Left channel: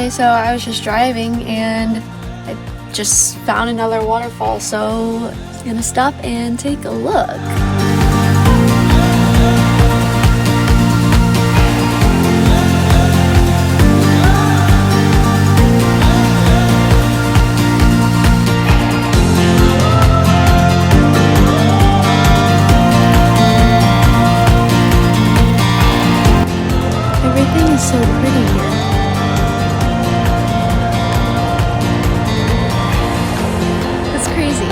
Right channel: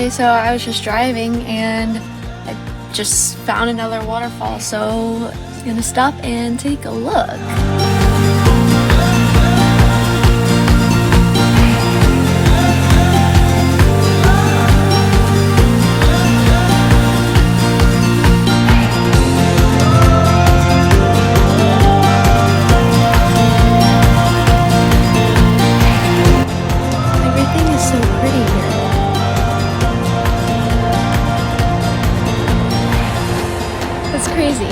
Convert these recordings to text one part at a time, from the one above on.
Okay, so I was just driving and I just found another waterfall, so I'm gonna stop and take a look. Everything is so pretty here. That's crazy.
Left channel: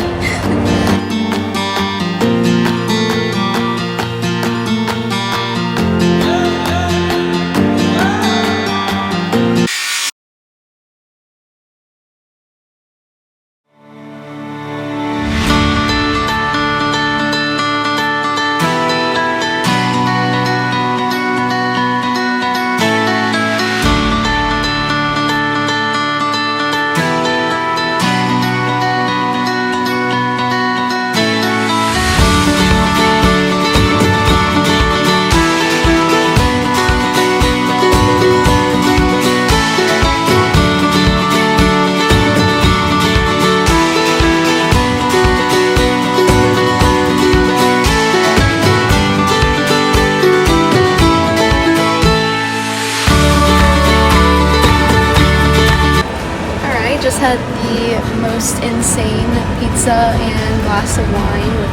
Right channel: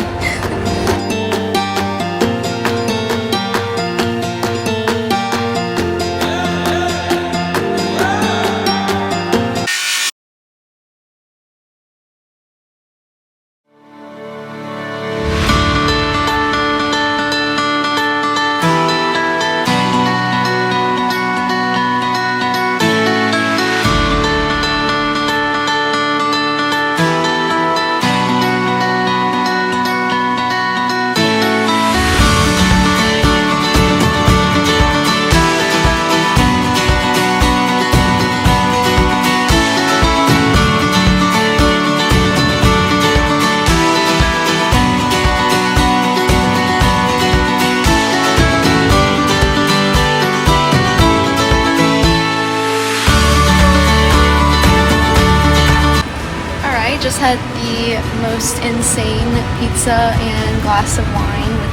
Just had the most insane pizza and glass of wine with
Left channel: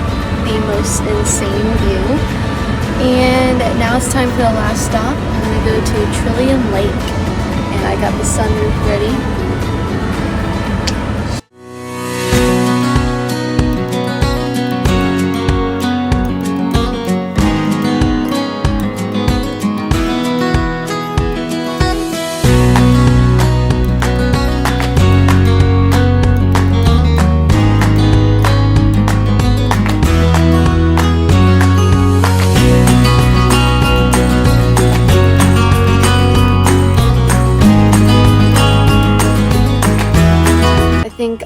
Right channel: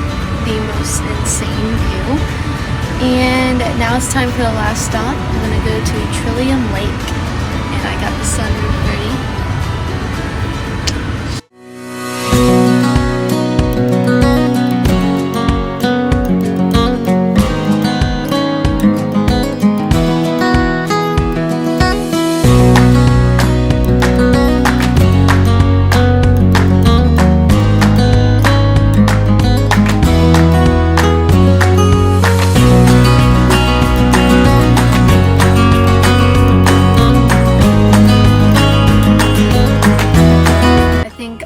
the most insane view, and now it's time for the last stop. I'm gonna go to Trillium Lake, and I got the sunroof ready.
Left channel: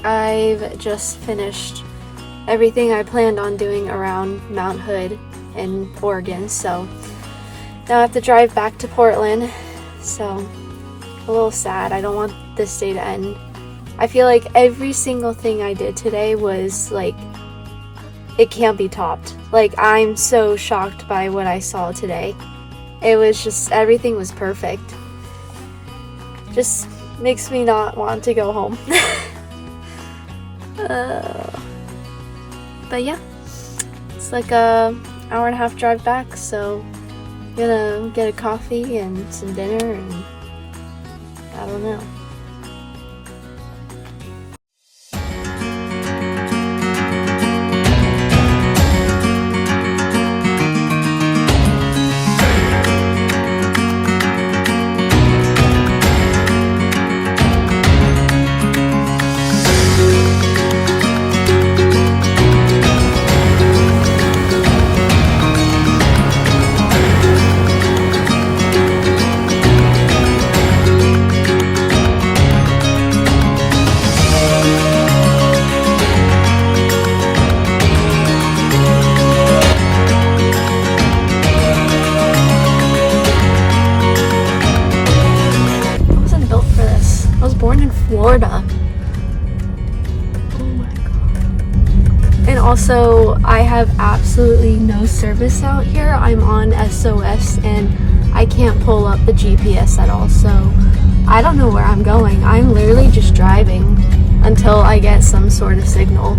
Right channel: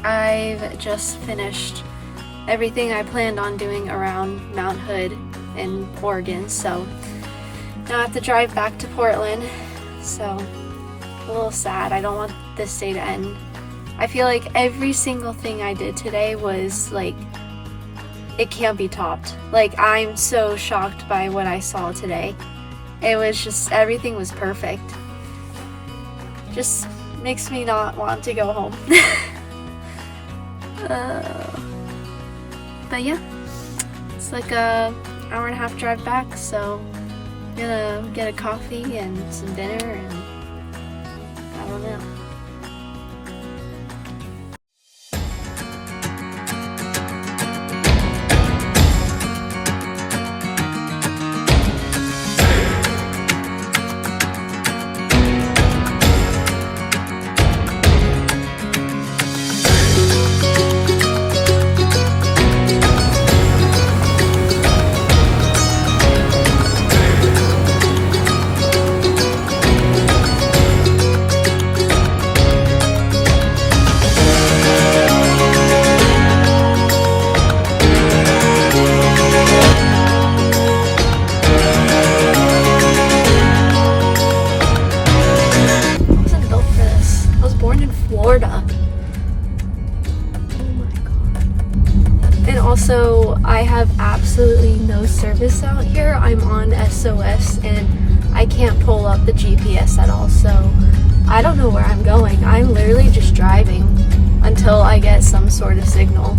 I've just finished everything I planned on doing around Mount Hood in Oregon, so now I have to drive back to Portland, so a little sad. I don't want this day to end. I feel like every single thing I did today was like, it can't be topped. Like, I'm so shocked by what I saw today. It was just, everything was perfect. Just makes me not want to go home. But yeah, it's like a hour and a half drive back, so I'm gonna get a coffee and some dinner, and I don't know. Florida. Oh my god. And also, I have absolutely no service out here. I'm on SOS and I can't pull up the GPS at all, so I don't know where I'm going. I'm literally just driving until I get some sort of signal.